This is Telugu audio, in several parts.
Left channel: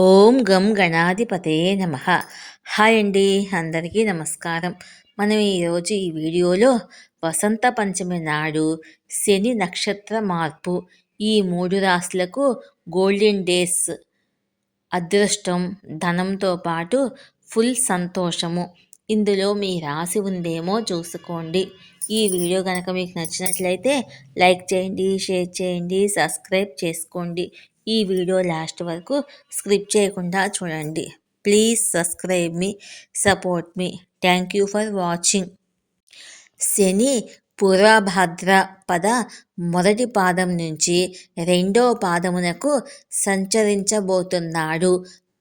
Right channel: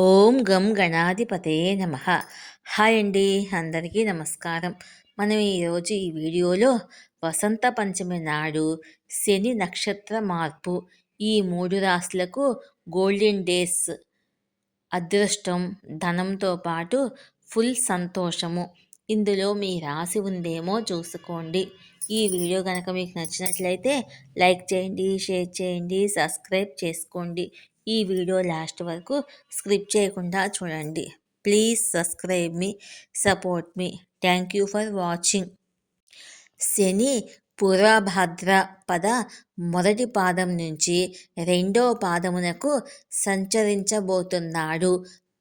ఓం గం గణాధిపతే నమ. హాయ్ అండి అందరికీ నమస్కారం. మనం ఈరోజు ఈ వీడియోలో వసంత పంచమి నాడు శని నక్షత్ర మార్పు ఈ మూడు రాశులకు గోల్డెన్ డేస్ అదృష్టం ధనంతో పాటు ఫుల్ సంతోషము. ఇందులో మీ రాశి ఉందేమో చూసుకోండి. ఈ వీడియో కనుక మీకు నచ్చినట్లయితే లైక్ చేయండి షేర్ చేయండి సబ్స్క్రైబ్ చేసుకోండి. ఈ వీడియో లాస్ట్ వరకు స్క్రిప్ చేయకుండా చూడండి. ప్లీజ్ సబ్స్క్రైబ్ మీ support me. Thank you for watching. శని పురాభద్ర పద మొదటి పాదం నుంచి రెండో పాదమునకు సంచరించబోతున్నాడు.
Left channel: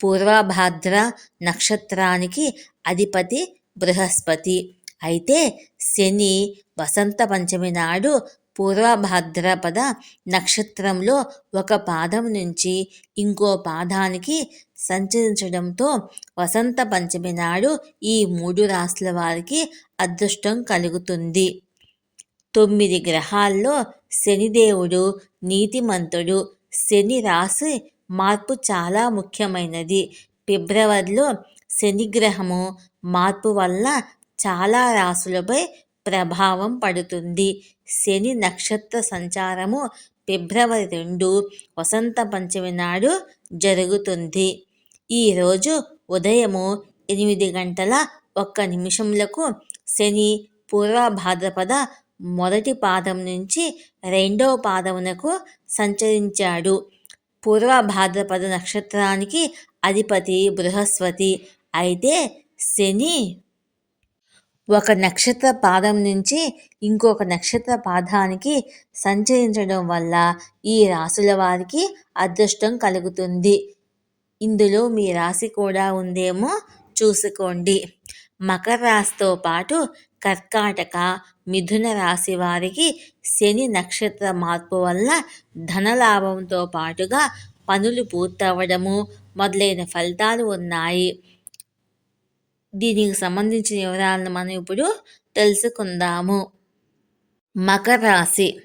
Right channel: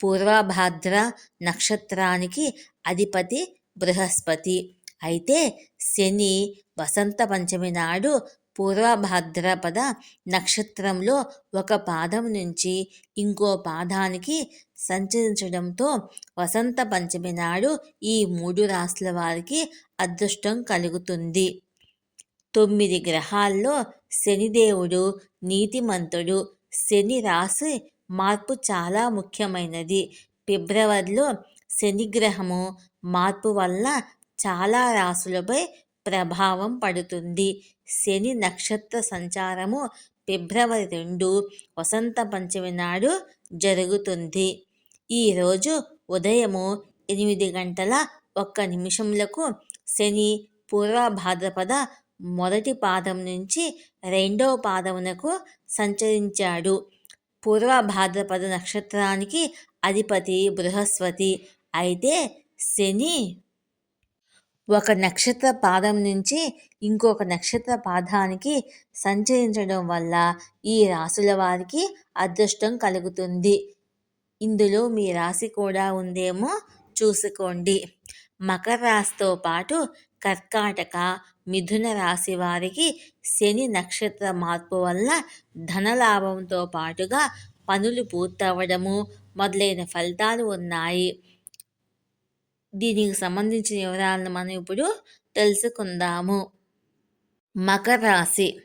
పూర్వభాద్ర నక్షత్రానికి అధిపతి బృహస్పతి. అయితే శని వసంత పంచమి నాడు పూర్వభద్రపద నక్షత్రంలో ఒక పాదం నుంచి ఇంకో పాదానికి సంచరించడంతో వసంత పంచమి నాడు ఈ మూడు రాశుల వారికి అదృష్టం కలుగుతుంది. తొమ్మిది గ్రహాల్లో శనిదేవుడు నీతిమంతుడు శని రాశి మార్పు చాలా ముఖ్యమైనది. ఫిబ్రవరిలో శనిగ్రహము మార్పు వల్ల చాలా రాశులపై ప్రభావం పడుతుంది. శని నక్షత్ర సంచారము ఫిబ్రవరి రెండు వసంత పంచమి నాడు జరుగుతుంది. ఈరోజు ఉదయము ఎనిమిది గంటల ఒక్క నిమిషములకు శని పూర్వభాద్రపద మొదటి పాదం నుంచి రెండవ పాదమునకు సంచరించాడు. పూర్వభాద్రపద నక్షత్రానికి అధిపతి బృహస్పతి. అయితే శని ఒక నక్షత్ర పాదం నుంచి ఇంకొక నక్షత్ర పాదానికి సంచరించడం వల్ల ఈ రాసుల వారికి అదృష్టం కలుగుతుంది. ఇందులో మీ రాశి కూడా ఉందేమో చూసుకోండి. మకర రాశితో పాటు కర్కాటక మిథున రాశి వారికి శని నక్షత్ర మార్పు వల్ల ధనలాభంతో పాటుగా పనులు పూర్తవడము మొదలైన ఫలితాలు ఉన్నాయి. దీనికి సంబంధించిన వివరాలను మనం ఇప్పుడు తెలుసుకుందాము. మకర రాశి.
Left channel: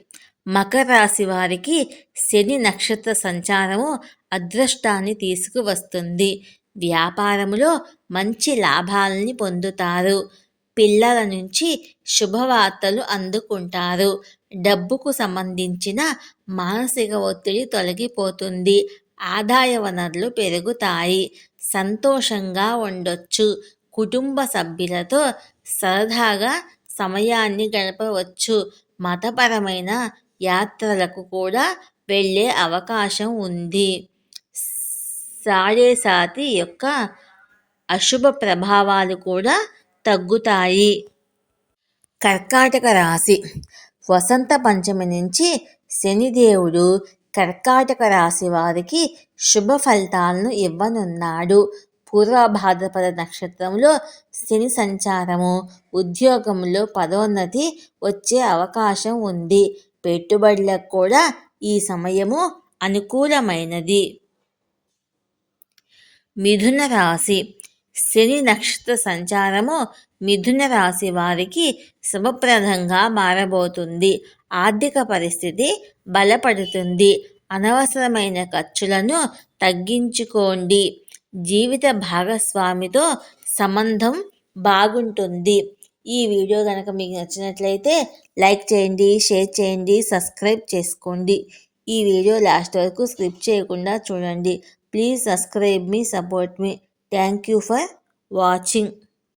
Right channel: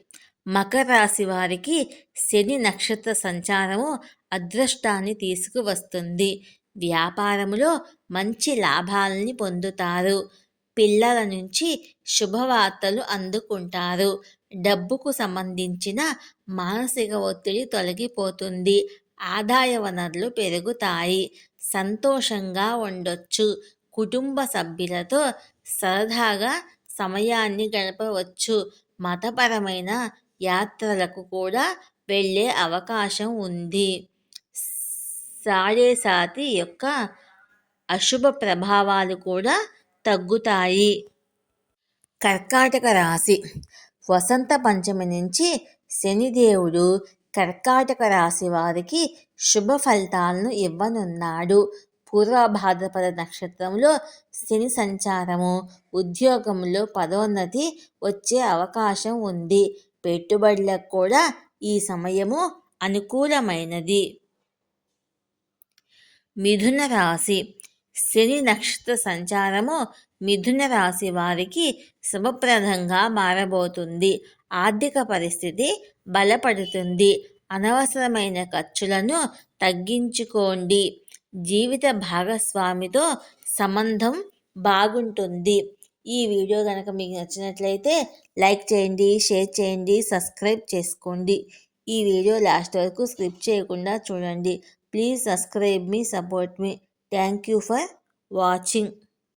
మకర రాశి వారికి శని నక్షత్ర సంచారము అదృష్టాన్ని తీసుకువస్తుంది. వ్యాపారములో మంచి లాభాలని పొందుతారు. పిల్లల నుంచి శుభవార్తలు అందుకుంటారు. డబ్బుకు సంబంధించిన మానసిక ఒత్తిడి తొలగిపోతుంది. ఆదాయ వనరులు పెరుగుతాయి. సంతోషంగా ఉండొచ్చు. కుటుంబ సభ్యులతో సరదాగా సమయాన్ని గడపవచ్చు. మతపరమైన యాత్రలకు కూడా వెళ్ళే అవకాశం ఉంది. సారేసాతి యొక్క అశుభ ప్రభావాలు కూడా తగ్గుతాయి. కర్కాటక రాశి. వసంత పంచమి నుంచి శనిదేవుడు కర్కాటక రాశి వారికి శుభ ఫలితాలను ఇవ్వనున్నాడు. పూర్వ భాద్రపద నక్షత్రంలో శని సంచారము ఉద్యోగంలో పదోన్నతి వచ్చే అవకాశం ఉంది. పెట్టుబడులకు కూడా ఈ సమయము అనుకూలమైనది. మిథున రాశి. శని నక్షత్ర సంచారము మిథున రాశి వారికి శుభప్రదంగా మారబోతుంది. ఆర్థిక పరిస్థితి బలపడుతుంది. అనవసరమైన ఖర్చులను తగ్గించుకోండి. జీవిత భాగస్వామితో సంబంధం బాగుంటుంది. ఈ వీడియో కనుక మీకు నచ్చినట్లయితే లైక్ చేయండి షేర్ చేయండి సబ్స్క్రైబ్ చేసుకోండి. ఈ వీడియో లాస్ట్ వరకు స్క్రిప్ట్ చేయకుండా చూడండి. ప్లీజ్ సబ్స్క్రైబ్ మీ support me. Thank you for watching.